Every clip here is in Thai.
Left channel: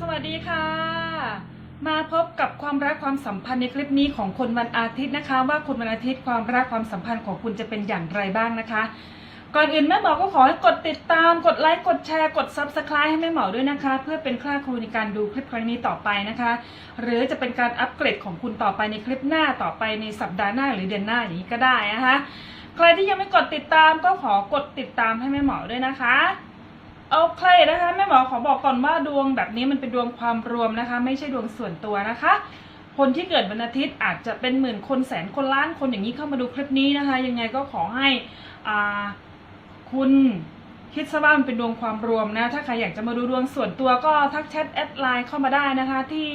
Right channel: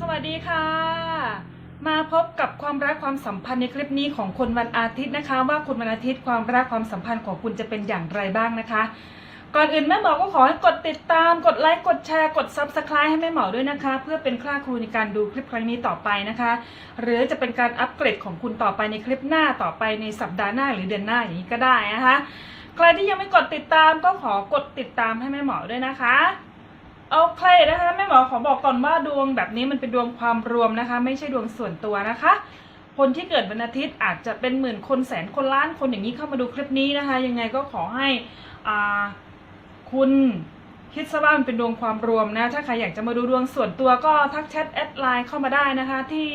สวัสดีค่ะ มาพบกับความรักความสัมพันธ์ในคลิปนี้ของคนวันอาทิตย์นะคะ ว่าคนวันอาทิตย์ความรักความสัมพันธ์ของคุณจะเป็นอย่างไรบ้างนะคะ ก่อนอื่นแม่หมอก็ขอให้กดติดตามกดไลค์กดแชร์กด Subscribe ให้แม่หมอด้วยนะคะ เพื่อเป็นค่าครูในการดูคลิปครั้งนี้ต่อไปนะคะ หรือจะเป็นการอัปเกรดของคุณต่อไปในคลิปหน้าต่อไปในสัปดาห์หน้าหรือเดือนหน้าอย่างนี้ก็ได้นะคะใครที่ยังไม่กดติดตามก็ขอกดติดตามให้แม่หมอด้วยนะคะ โอเคนะคะแม่หมอขอบอกก่อนว่าดวงแบบนี้มันเป็นดวงความรวมนะคะ ไม่ใช่ดวงส่วนตัวนะคะ คนที่เกิดวันอาทิตย์อาจจะเป็นหมื่นคนแสนคนล้านคนอย่างนี้เข้ามาดูคลิปนี้นะคะ ยังไงก็ขอให้คุณคิดซะว่ามันเป็นดวงความรวมนะถ้าใครอยากจะมาดูดวงส่วนตัวก็ทักแชทแอดไลน์เข้ามาได้นะคะที่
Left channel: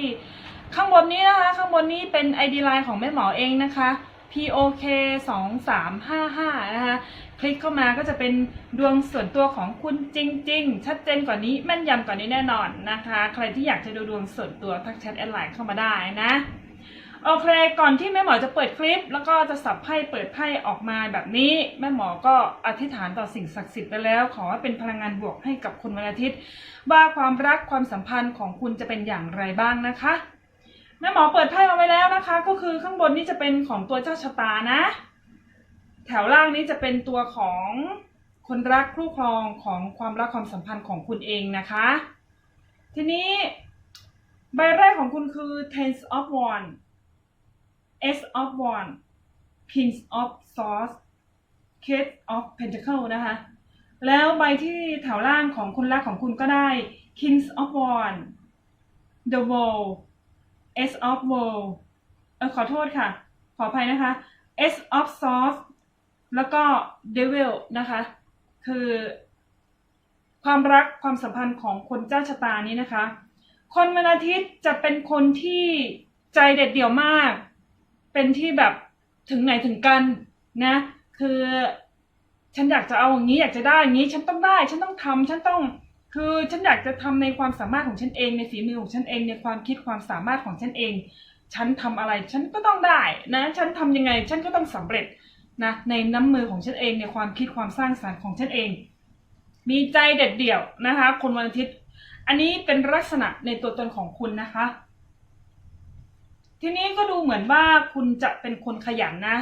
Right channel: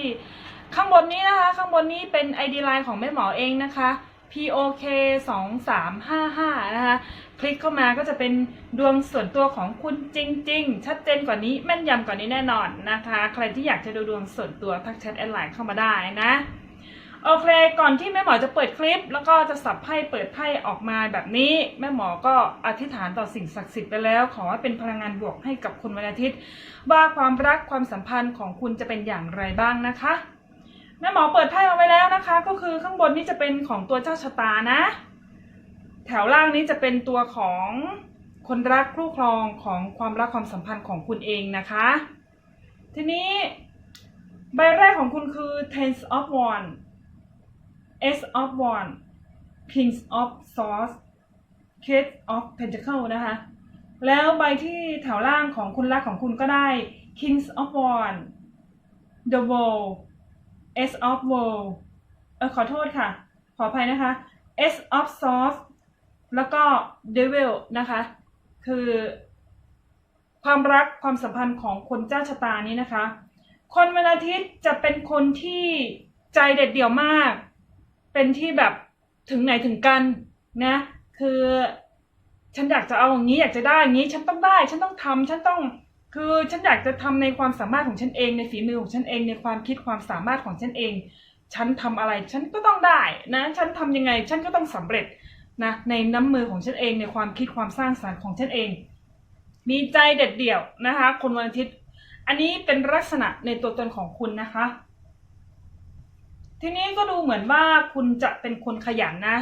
ข้างบนนี้นะคะ ข้างบนนี้เป็น ID ไลน์ของแม่หมอเองนะคะ POK 2 3 5 5นะคะ คลิกเข้ามาก็จะเป็นดวงส่วนตัวของคุณจริง ๆ ชัดเจนกว่านี้แม่นยำกว่านี้แน่นอนนะคะ ใครที่อยากจะดูดวงส่วนตัวทักแชทแอดไลน์เข้ามาได้นะโอเค ก่อนที่แม่หมอจะเปิดคลิป แล้วก็จะสับไพ่เปิดไพ่ออกมาแบบนี้ แม่หมอก็อธิษฐานต่อสิ่งศักดิ์สิทธิ์ไปแล้ว ขอให้เป็นพลังงานบวกให้กับคุณวันอาทิตย์ ว่าความรักความสัมพันธ์ของคุณจะเป็นอย่างไรบ้างนะคะ แม่หมอเปิดไพ่เอาไว้แล้วนะคะ ก็คือข้างบนนี้จะเป็นของตัวเจ้าชะตานะ แถวล่างนี้จะเป็นตัวของคนรักคู่ครองของความรักความสัมพันธ์ของคุณเองนะคะ ทีนี้ใบแรกของคุณคือ Ten of Wands Ace of wand King of Swords King of Pentacle นะคะ แล้วใบที่แถวล่างของคนรักของคุณก็ได้ King of wand the World Ace of World เออขอโทษค่ะ ขออภัยนะคะ Ace of Swords แล้วก็ Devil นะคะ คือความรักความสัมพันธ์ของคนเจ้าชะตานี้นะคะ คนวันอาทิตย์จะเป็นคนที่ใจเด็ดเดี่ยวมาก เป็นที่แบบถึงไหนถึงกันนะ คือฉันอยากจะเอาอย่างนี้อยากจะได้อย่างนี้ฉันต้องได้ ฉันต้องทำฉันต้องคือฉันอยากจะทำในความสามารถของฉันเองในฝีมือของฉันเองในความคิดความสามารถของฉันเอง ฉันทำอะไรฉันก็ต้องได้นะ ฉันทำยังไงฉันก็ต้องสำเร็จ นะในน้ำมือของฉันเองในความคิดความสร้างสรรค์ของฉันเอง มีใจเด็ดเดี่ยวนะคะคนวันอาทิตย์ อันนี้เป็นลักษณะในตัวตนของคุณนะคะ ทีนี้ก็ดูเหมือนว่าคุณจะเป็นคนขยันนะ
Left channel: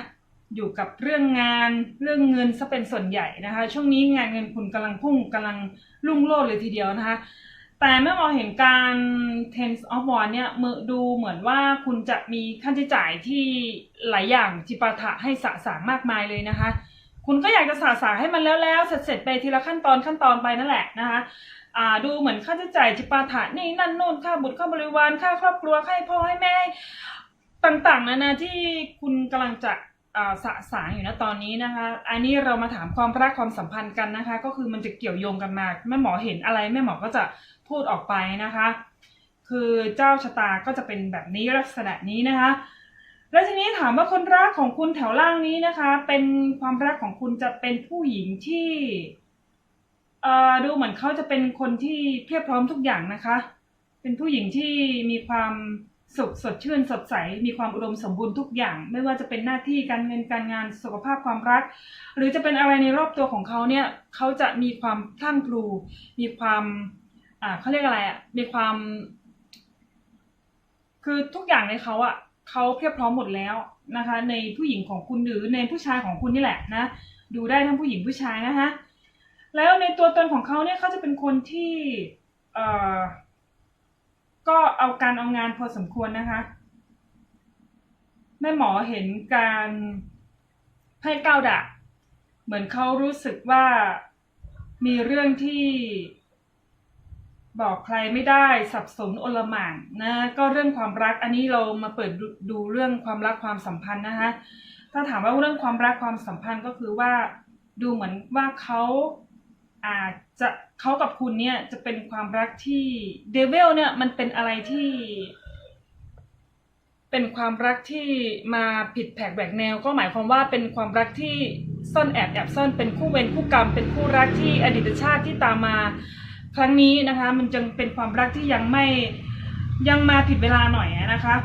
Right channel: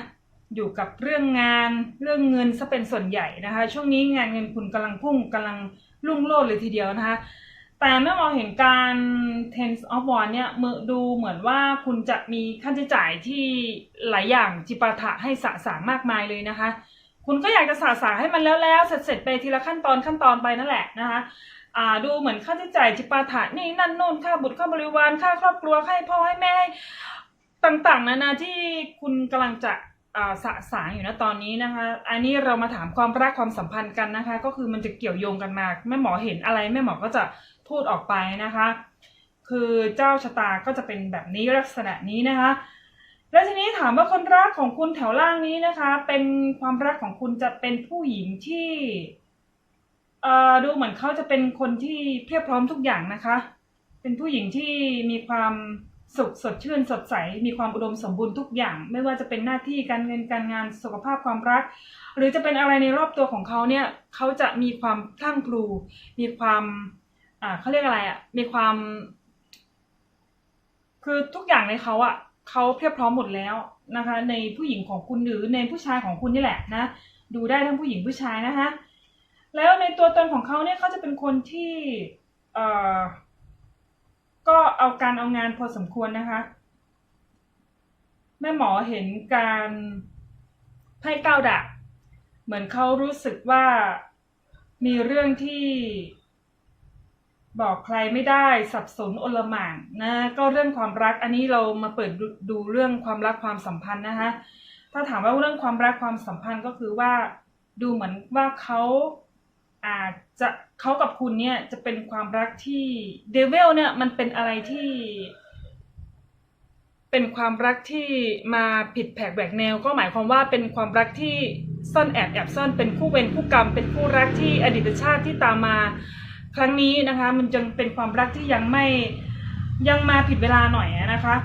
อยู่กับเรื่องงานเรื่องเงินซะเป็นส่วนใหญ่นะคะ ช่วงนี้งานเงินคุณกำลังพุ่งกำลังรุ่งโรจน์เลยทีเดียวนะคะ แต่เมื่อมองเห็นการ tense of war เนี่ยมือดูเหมือนว่าคุณจะมีค่าใช้จ่ายที่หลายอย่างจิปาถะให้สะสางมากมายเลยนะคะ คุณก็อยากจะสะสางให้มันแล้วแล้วเสร็จเสร็จไปทีละขั้นตอนขั้นตอนไปนั่นแหละนะคะอ่าดูเหมือนค่าใช้จ่ายจิปาถะนี่นั่นโน่นค่าบุตรค่าบริวารค่าครอบครัวค่าพ่อให้แม่ต่างๆนานาที่คุณกำลังจะอ่าสะสางอยู่นะตอนนี้นะคะ อันนี้เรามาถามความรักความสัมพันธ์กันนะคะ ก็คือมันจะเกี่ยวโยงกันมาแม่หมอเห็นอะไรแม่หมอก็จะ พูดออกไปนะคะ คือเจ้าชะตาก็จะเป็นแบบนี้ลักษณะนี้นะคะ แล้วทีนี้ถามว่าคนรักของคุณแถวล่างนี้นะคะ เป็นความรักของคุณจะเป็นผู้หญิงที่เอ่อดูเหมือนเขาจะเป็นคนที่เพียบพร้อมทุกอย่างนะคะ เป็นผู้หญิงที่มีความสุขสดชื่นสดใส มีความอุดมสมบูรณ์ทุกอย่าง ไม่ว่าจะเป็นหน้าที่การเงินการงานสุขภาพความรัก หรือจะเป็นอะไรในรอบตัวของเขาเนี่ยเขาจะมีความพลั่งพลูมีความ อ่าเขาเรียกอะไรอะ มีความ คือทุกอย่างในเขาอะเขาเพียบพร้อมหมดแล้วนะคะ ในผู้หญิงของคุณหรือในผู้ชายของคุณนี่แหละนะ ดูได้ทั้งผู้หญิงผู้ชายนะคะแล้วในตัวตนของเขาเนี่ยเขาจะเป็นคนที่เอ่อก็เอาการเอางานพอสมควรนะคะแม่หมอเห็นการไพ่เก้าดาบเหมือนเขารู้สึกว่ามีเรื่องที่ บอกใครไม่ได้สับสนอลหม่านนะก็เรื่องความรักอันนี้เรามาเปิดดูดูเรื่องความรักความสัมพันธ์นะคะถ้าถามว่าเรื่องความรักความสัมพันธ์ก็คือว่าดูเหมือนว่าเขาอาจจะเขากับคุณเนี่ยจะเป็นความรักที่เดวิลเนี่ยมันเป็นอะไรที่ เป็นความรักที่มาผิดแผกแหวกแนว ก็หมายความว่าเป็นความรักที่ซ่อนแอบแอบซ่อนเป็นคู่เวรคู่กรรม เป็นคู่รักที่อดีตชาติที่ตามมา ครั้งนี้นะคะ มันจึงเป็นความรักที่ยังไม่ยังมาผิดเวลาหน่อยนะคะ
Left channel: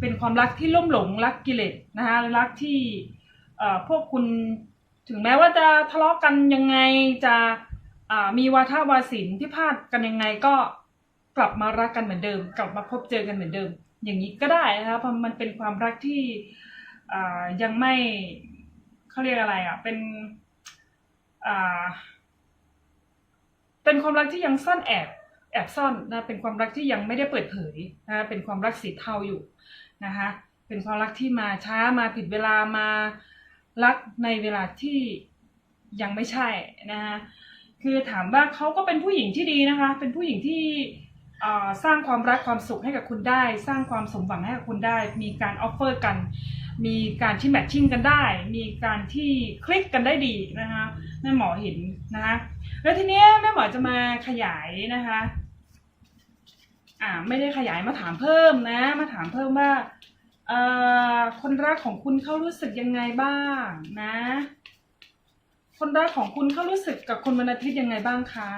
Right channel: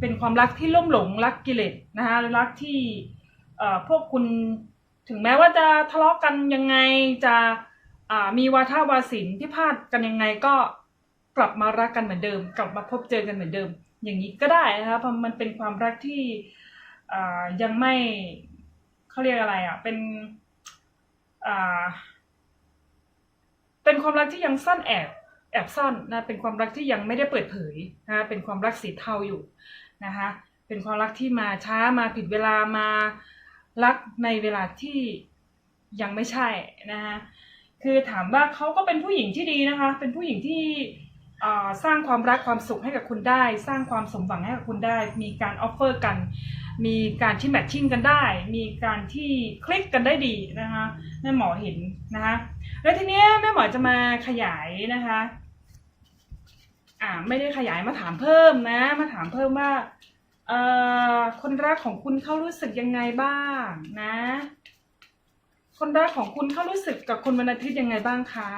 เป็นความรักที่ล่มหลงรักกิเลสนะคะรักที่เอ่อพวกคุณถึงแม้ว่าจะทะเลาะกันยังไงจะอ่ามีวาทวาสินที่พลาดกันยังไงก็กลับมารักกันเหมือนเดิม กลับมาพบเจอกันเหมือนเดิม อย่างนี้ก็ได้นะคะเพราะมันเป็นความรักที่อ่ายังไม่เขาเรียกอะไรอะเป็นอ่า เป็นความรักที่ยังซ่อนแอบแอบซ่อนนะเป็นความรักที่ยังไม่ได้เปิดเผยนะเป็นความรักสีเทาอยู่นะคะเป็นความรักที่มาช้ามาผิดเวลามารักในเวลาที่ยังไม่ใช่นะคะคือถามว่าเขาก็เป็นผู้หญิงที่ดีนะคะ เป็นผู้หญิงที่สร้างความรักความสุขให้กับคุณได้ สร้างความสมหวังให้กับคุณได้ มีการออฟเฟอร์กัน มีการที่แมทชิ่งกันได้ มีการที่คลิกกันได้ดีนะคะแม่หมอเห็นนะคะ แล้วทีเนี้ยแม่หมอจะมาขยายนะคะ อ่าไม่ได้ขยายมาถามเพิ่มนะ มาถามเพิ่มว่าเอ่อคนรักของคุณเขารู้สึกยังไงบ้างนะ คนรักของคุณเขารู้สึกกับคุณวันอาทิตย์ยังไงบ้างคะ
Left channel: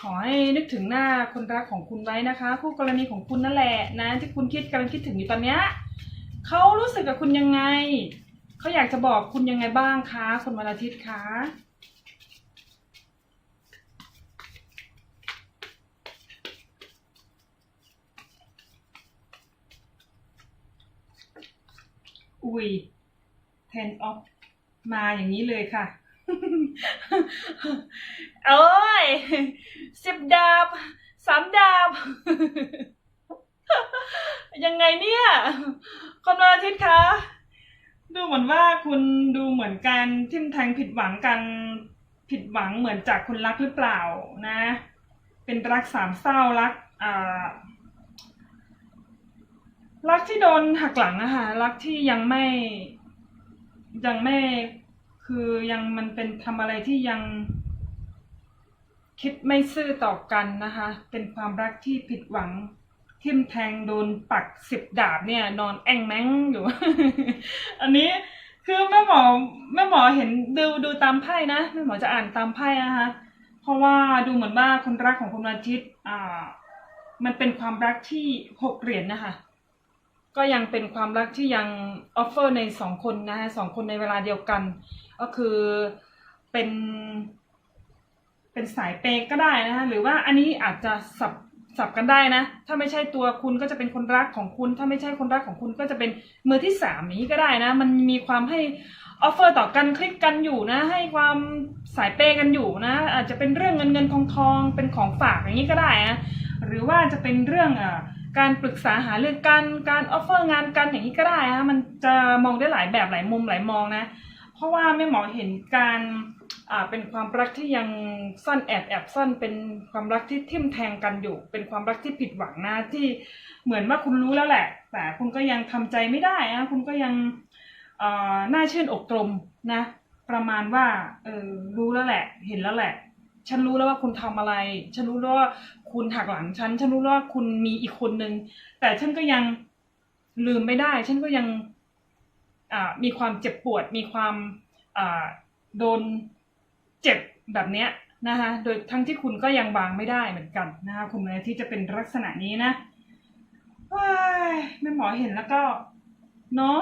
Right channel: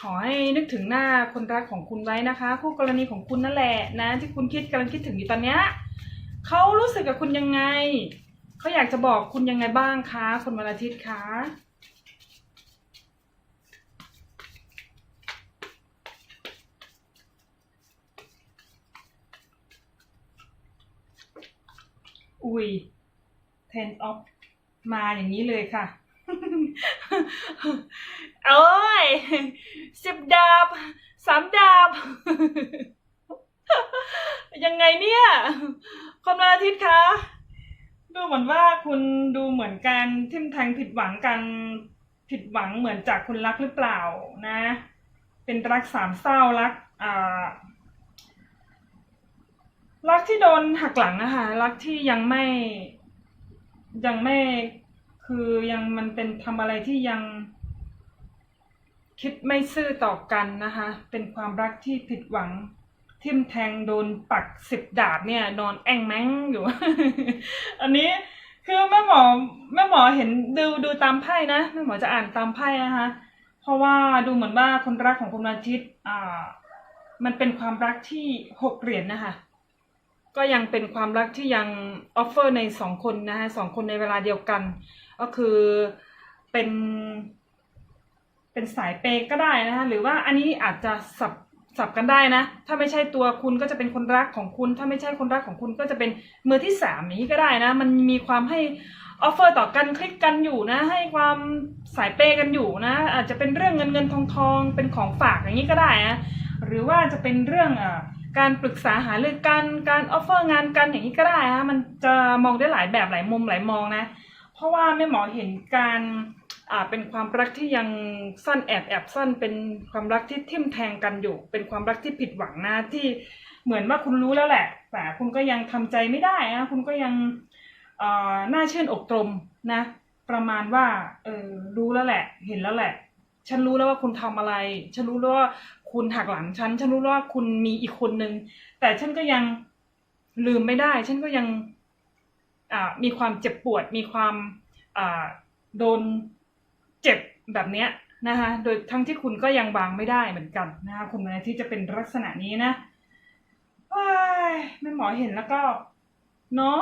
ขอให้นึกถึงหน้าคนรักของคุณไว้นะคะคู่กรณีของคุณนั่นแหละนะ ที่คุณคิดกำลังคิดถึงอยู่ตอนเนี้ยเขารู้สึกกับคุณยังไง เขาอยากจะบอกคุณยังไงบ้างคะคนวันอาทิตย์คะอุ้ย ten of มาอย่างนี้เลยค่ะ โอ้ยสิบดาบสามดาบ ยังไงเนี่ย คนวันอาทิตย์คะ ดูเหมือนว่าคุณดูเหมือนการทิมแทงผิดหวังกันผิดหวังเหมือนจากคุณรักหรือเปล่านะ เป็นรักสามเศร้ารักอ่ารักที่โดนหักหลังอะคะรักที่ยังไม่ยังไม่คือยังมันเป็นทำอะไรที่ยัง คิดไม่ซื่อต่อกันนะคะ เป็นความรักที่ผิดหวัง ทิ่มแทงโดนปักสิบดาบเนี่ย นอนแองแมงอยู่ อันนี้คือแม่หมอแม่หมอเห็นดูดูตามไพ่นะแม่หมอจะอ่านตามไพ่นะคะเพราะว่าดูเหมือนว่าคนรักของคุณอาทิตย์อ่า มันเป็นความรักที่หกเหรียญนะคะก็ยังเป็นความรักที่ยังออฟเฟอร์ในสองคนนะฮะสองคนในเวลาเดียวกัน ก็คือเป็น เป็นสายเปก็ได้นะคะหรือว่าอันนี้อาจจะสับ สับกันได้นะ ถ้าไม่ใช่ตัวคุณก็จะเป็นคนรักของคุณ ถ้าไม่ใช่คนรักของคุณก็จะเป็นมือที่สามนี้ก็ได้นะ มันมีความให้ออฟเฟอร์ต่อกันคลิกกันอยู่นะ ให้ความสายเปย์กันอยู่นะ อาจจะเป็นเรื่องเงินเงินทองทองเป็นของฝากอย่างนี้ก็ได้นะหรือว่าจะเป็นเรื่องอการปรึกษาหารือกันการออฟเฟอร์งานกันอย่างนี้ก็ได้นะมันจะมองได้หลายแบบหลายมุมหลายมองนะ เพราะว่าแม่หมอเห็นการ เป็นความรักที่ยังซ่อนแอบแอบซ่อนเป็นความรักที่ทิ่มแทงกันอยู่ เป็นความรักที่ผิดหวังนะที่เหมือนว่าคุณรู้แล้วแหละ แต่คุณก็ยังทำใจไม่ได้นะคุณก็ยังเอ่อน่าเช่นอกตรมนะ ประมาณว่าเออรู้แล้วแหละ เห็นแล้วแหละ ฉันรู้แล้วว่าคุณทำอะไร ฉันรู้แล้วว่าคุณหักหลังฉัน ฉันรู้แล้วว่าคุณมีอีกคนนึง แต่ฉันก็ยังลืมไม่ได้ ฉันก็ยังอ่ามีความเจ็บปวด มีความอ่าโดน เจ็บแบบเนี้ยนะคะโดยทั้งที่คุณก็ยังวางไม่ได้เหมือนกันนะคะคุณนาทิตย์จะเป็นลักษณะนี้นะว้แม่หมอเห็นแล้วก็ เนาะ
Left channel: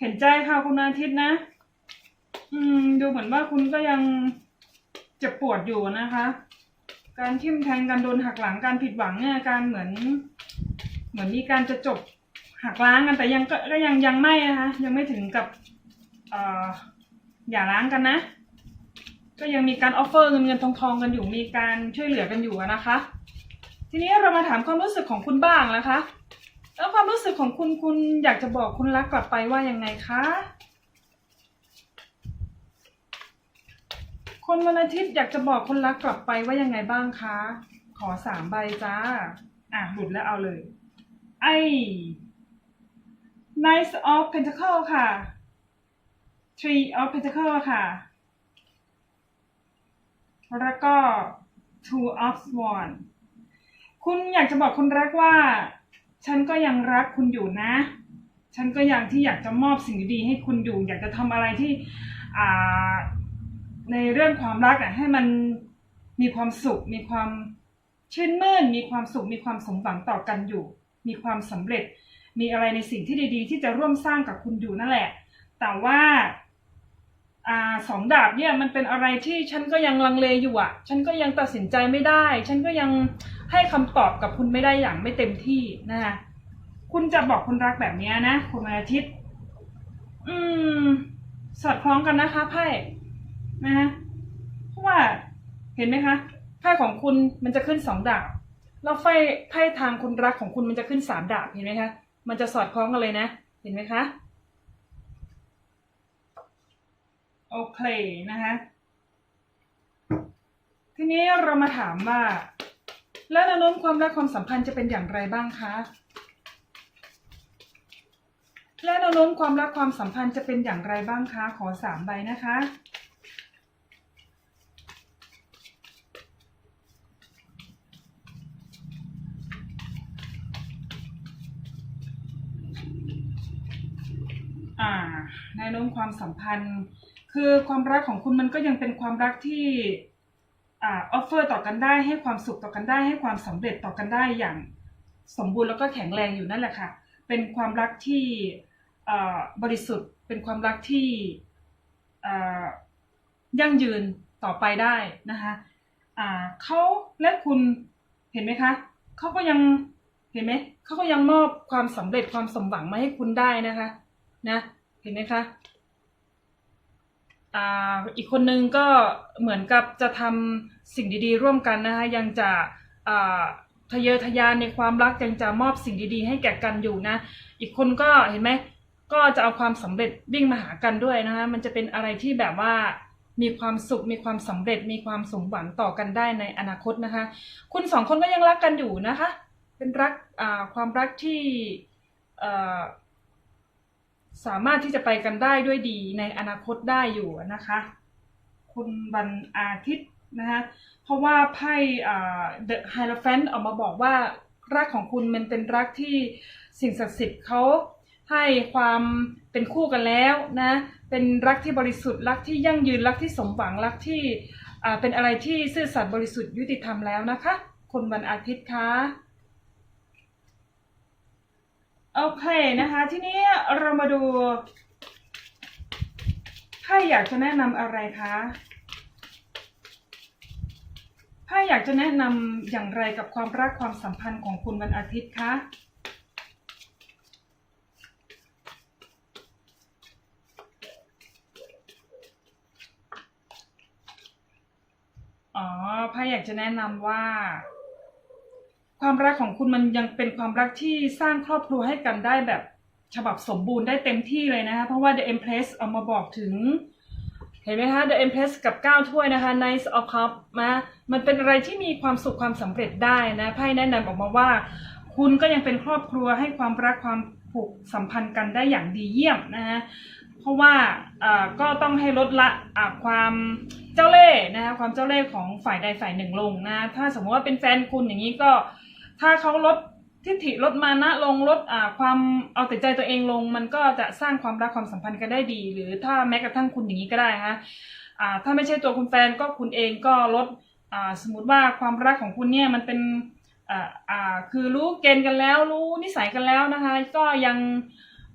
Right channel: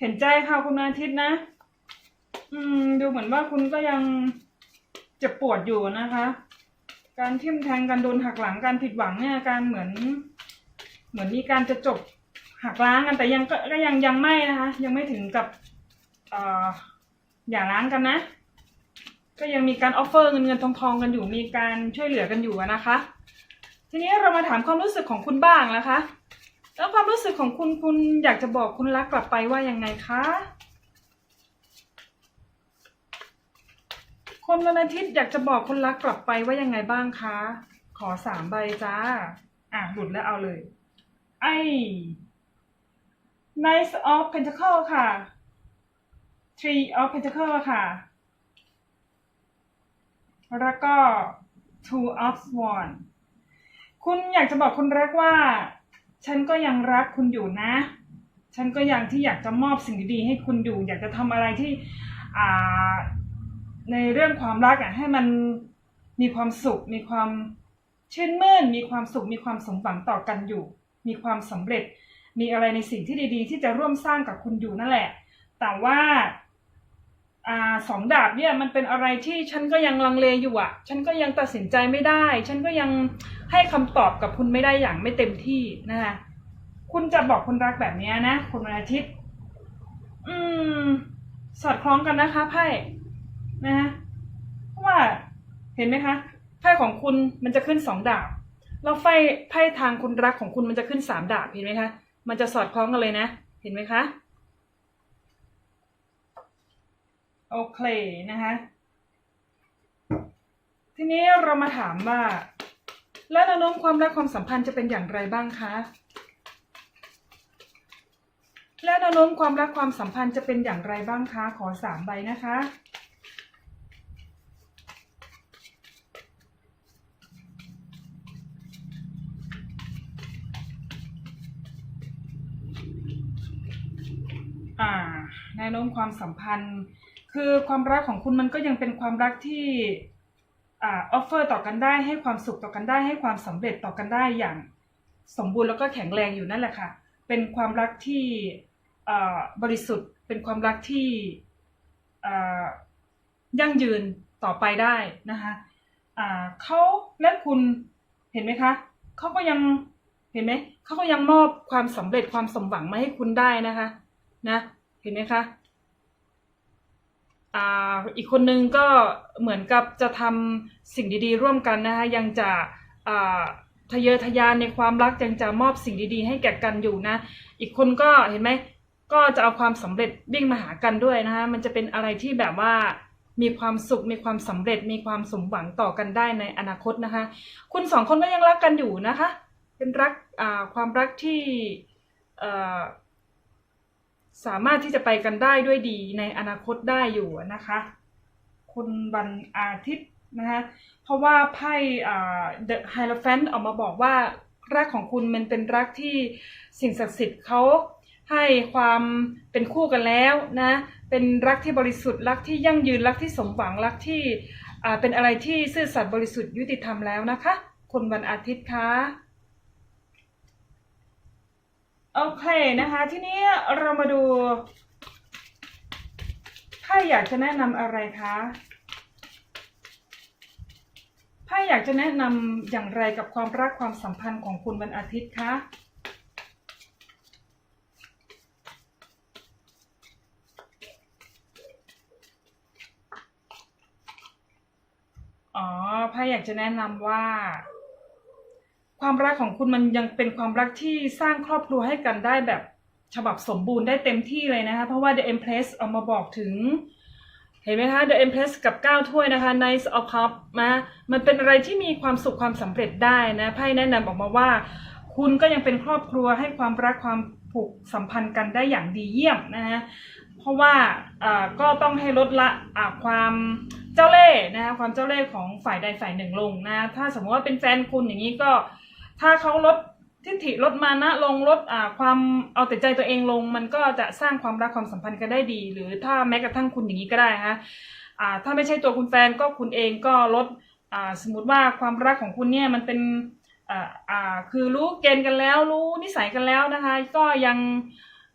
เห็นใจค่ะคุณนอาทิตย์นะ อืม ดูเหมือนว่าคุณก็ยังเจ็บปวดอยู่นะคะ การทิ่มแทงการโดนหักหลังการผิดหวังเนี่ยการเหมือน เหมือนมีการจะจบหักล้างกันแต่ยังก็ยังยังไม่นะคะ ยังไม่ถึงกับ เอ่ออย่าร้างกันนะ ก็ยังมีการออฟเฟอร์เงินเงินทองทองกันอยู่มีการช่วยเหลือกันอยู่นะคะ ทีนี้เรามาถามความรู้สึกของคุณบ้างนะคะ แล้วความรู้สึกของคุณคุณอยากจะบอกคุณรักกลับไปว่ายังไงคะคนวันอาทิตย์อยากจะบอกคนรักกลับไปว่ายังไงบ้างคะ ขอสามใบจ้า อะหลุดแล้วเอาเลย ไอ้ Knight of Pentacle ค่ะ Three of Pentacle ค่ะ แล้วก็ Two of Swan คุณอยากจะบอกคุณรักว่า ฉันก็ยังรักคุณอยู่นะ ฉันก็ยังที่อยากจะมอบสิ่งดีๆให้คุณอยู่ อยากจะทำอะไรที่ในเรื่องความรักอะให้มันมีความสุข มีความชื่นมื่น มีความสุข มีความสมหวังต่อกันอยู่ มีความสำเร็จ มีอะไรในสิ่งที่ดีๆ ที่จะร่วมสร้างกับคุณอยู่นั่นแหละ แต่ว่า อ่าสองดาบเนี่ยมันเป็นอะไรที่ฉันก็ยังลังเลอยู่อะ ฉันก็ยังตัดสินใจไม่ได้ ฉันก็ยังให้คำตอบกับคุณไม่ได้อย่างไม่เต็มที่นะคะคุณจะบอกคนรักแบบนี้นะคุณวันอาทิตย์ อืม สอดคล้องกันนะคะไพ่นะะเพราะว่าเห็นไหมคะไพ่ของคุณมันจะขึ้นสองดาบแล้วไพ่ไพ่ทางคุณรักของคุณมันจะขึ้นสามดาบเห็นไหมคะ มันจะสอดคล้องกันเลยนะ เห็นไหมคะ โอเคนะคะทีนี้เรามาถามว่า แล้วแนวโน้มความรักความสัมพันธ์จะเป็นอย่างไรบ้างคะและแนวโน้มความรักความสัมพันธ์จะเป็นอย่างไรบ้างคะ ขอสามใบนะคะ อ่าแนวโน้มความสัมพันธ์ คือความรักของคุณมันก็ยังเป็นความรักที่อ่าออฟเฟอร์ต่อกันได้ให้ความสุขต่อกันได้ให้ความสำเร็จต่อกันได้อย่างสมบูรณ์แล้วก็แข็งแรงอยู่นั่นแหละค่ะ เป็นความรักที่อ่าบริสุทธิ์ เป็นความรักที่อ่ายั่งยืนต่อไปได้นะคะอ่าเขาและคุณเห็นไหมคะเขาก็ยังเห็นไหมเขาก็ยังมอบความสำเร็จความสมหวังมาให้คุณได้นะคะ นะ เห็นไหมคะ อีกคนนึงก็เหมือนกับจะทำสิ่งดีๆ ร่วมกันนะคะยังจะทะเยอทะยานในความรักยังจะมอบสิ่งดีๆ ให้แก่กันอยู่นะ อีกคนก็เห็นไหมก็จะเอาความสำเร็จวิ่งมาหากันด้วยนะคะมันจะเป็นอะไรที่แบบว่ามีความสุขมีความสำเร็จมีความสมหวังต่อกันได้ในอนาคตนะคะ คุณสองคนก็ยังรักกันอยู่นะคะ เป็นรักความรักที่ สามารถที่จะไปกันได้ด้วยดีในอนาคตได้อยู่นะคะ คุณวันอาทิตย์นะคะเพราะว่าไพ่อ่า The Hierophant ออกมาบอกว่ารักของคุณมันเป็นรักที่สิ่งศักดิ์สิทธิ์เขาให้ความเป็นคู่กันแล้วนะเป็นรักที่บริสุทธิ์รักที่ยั่งยืนรักที่สมหวังรักที่เป็นอะไรที่ซื่อสัตย์บริสุทธิ์ยุติธรรมแล้วนะคะคุณวันอาทิตย์คะ โอเคนะคะ ทีนี้เรามาดูถ้าอยากจะแนะนำอะไรคะถ้าอยากจะแนะนำอย่างไรกับความรักความสัมพันธ์ของคุณวันอาทิตย์คะอ๋อพ่อยากจะแนะนำว่า ความรักของคุณมันยังเป็นความรักที่สร้างครอบครัวให้กันได้แบบฉบับสมบูรณ์ได้เต็มที่เลยนะคะ เพราะว่า The Empress เอามาบอกถึง เห็นไหมคะ The Empress กับ 9 ถ้วยนะคะ Knight of Cup มามันเป็นอะไรที่มีความสุขความสำเร็จได้นะไพ่แนะนำออกมาว่า คุณก็ยังเป็นครอบครัวให้ความรักความผูกสัมพันธ์กันได้อย่างดีเยี่ยมนะฮะเพราะว่าอ่าก็ต้องให้ลดละความเจ้าเล่ห์นะคะความเจ้าเล่ห์ของฝ่ายใดฝ่ายหนึ่งลงนะ ถ้าสมมติว่าเป็นแฟนคุณอย่างนี้ก็ ถ้าเขาลดทิฐิลดมานะลงลดความเอาแต่ใจตัวเองลง มันก็จะสร้างความรักความสัมพันธ์กันได้ดี หรือถ้าแม้กระทั่งคุณอย่างนี้ก็ได้ฮะอ่าถ้าไม่ใช่ตัวคุณแฟนก็คุณเองก็ลดสมมติว่าความรักของคุณเนี่ยมันเป็นคือรู้เกณฑ์กันแล้วรู้นิสัยกันแล้วนะคะก็ยัง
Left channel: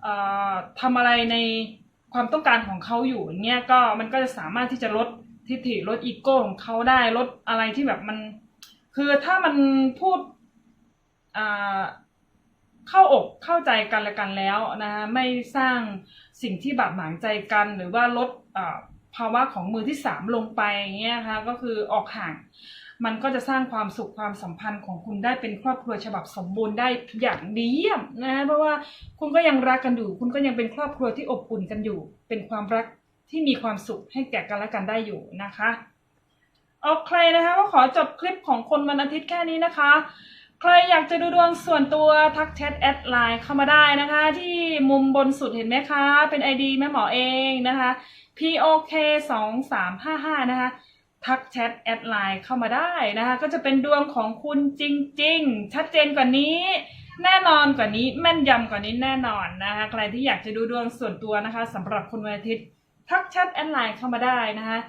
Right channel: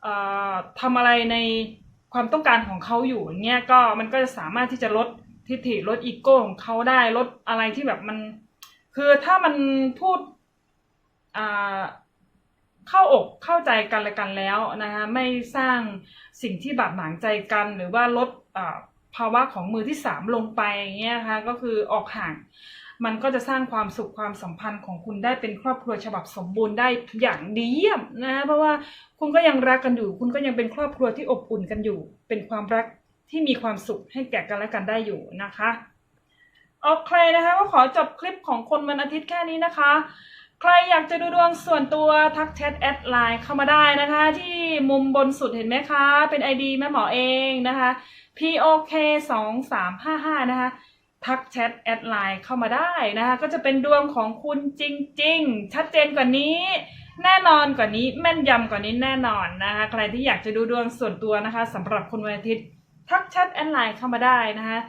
เอ่อทำอะไรในความต้องการของเขาอยู่อย่างเงี้ยก็มันก็จะสามารถที่จะลดทิฐิลดอีโก้ของเขาได้ลดอะไรที่แบบมัน คือถ้ามันพูด เข้าอกเข้าใจกันและกันแล้วนะคะไม่สร้างสิ่งที่บาดหมางใจกัน หรือว่าลดภาวะของมือที่สามลงไปอย่างเงี้ยนะคะก็คือออกห่าง มันก็จะสร้างความสุขความสัมพันธ์ของคุณได้เป็นครอบครัวฉบับสมบูรณ์ได้อย่างดีเยี่ยมนะเพราะว่าคุณก็ยังรักกันอยู่ คุณก็ยังเป็นครอบครัวที่อบอุ่นกันอยู่ เป็นความรักที่มีความสุขให้แก่กันและกันได้อยู่นะคะโอเคนะคะก็ขอจบคลิปของคนวันอาทิตย์แค่นี้นะคะ ใครอยากจะดูดวงส่วนตัวทักแชทแอดไลน์เข้ามาได้นะคะ ที่มุมบนสุดเห็นไหมคะ เป็น ID แม่หมอเองนะคะ POK 2 3 5 5นะคะ ทักแชทแอดไลน์เข้ามาได้นะคะ ก็จะเป็นดวงของคุณจริง ๆ ชัดเจนกว่านี้ แน่นอนกว่านี้แม่นยำกว่านี้แน่นอนนะคะ ใครที่อยากจะดูดวงส่วนตัวนะคะสำหรับคนวันอาทิตย์ ทักแชทแอดไลน์เข้ามาได้นะคะ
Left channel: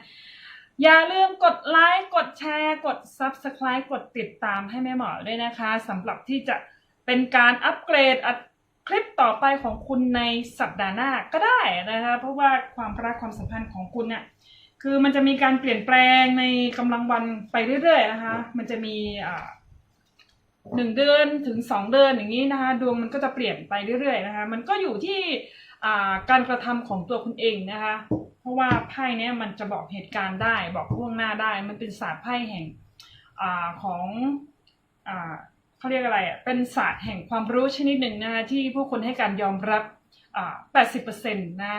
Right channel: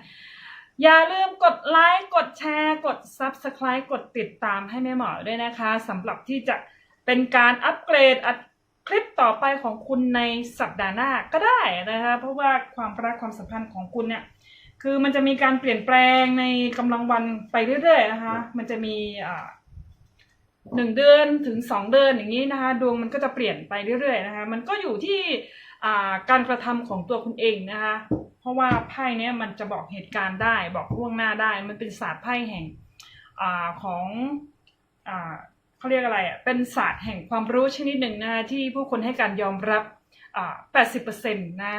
อย่าลืมกดไลค์กดแชร์กด Subscribe กดติดตามให้แม่หมอด้วยนะคะสำหรับที่จะเป็นการอัปเกรดอัดคลิปต่อไปของคุณในสัปดาห์หน้าก็ได้นะคะเพราะว่าความรักความสัมพันธ์ของคุณเนี่ยคือมันจะมีการเปลี่ยนแปลงในกำลังวันไปเรื่อยๆนะคะมันจะมีหนึ่งเดือนถึงสองเดือนอย่างนี้นะคะ ดวงมันก็จะเปลี่ยนไปเรื่อยๆนะคะมันก็อยู่ที่ การกระทำของตัวคุณเองนะคะ เพราะว่าไพ่เนี้ยมันจะบอกเหตุการณ์ได้บอกล่วงหน้าได้ มันเป็นศาสตร์ไพ่แห่งอาของอ่าเขาเรียกอะไรอะเป็นศาสตร์แห่งความรู้ชนิดหนึ่งนะคะที่ผู้คนให้การยอมรับอ่า80%นะ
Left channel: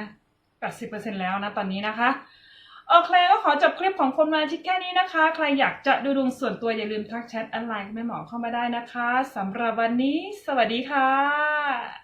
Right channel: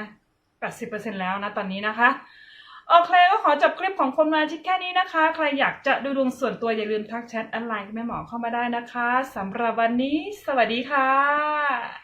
80%แล้วนะตอนนี้นะคะโอเคก็ขอจบคลิปของคนมาอาทิตย์แค่นี้นะคะ ใครอยากจะดูดวงส่วนตัวอย่าลืมทักแชทแอดไลน์แม่หมอเข้ามาได้นะคะสำหรับวันนี้ สวัสดีค่ะ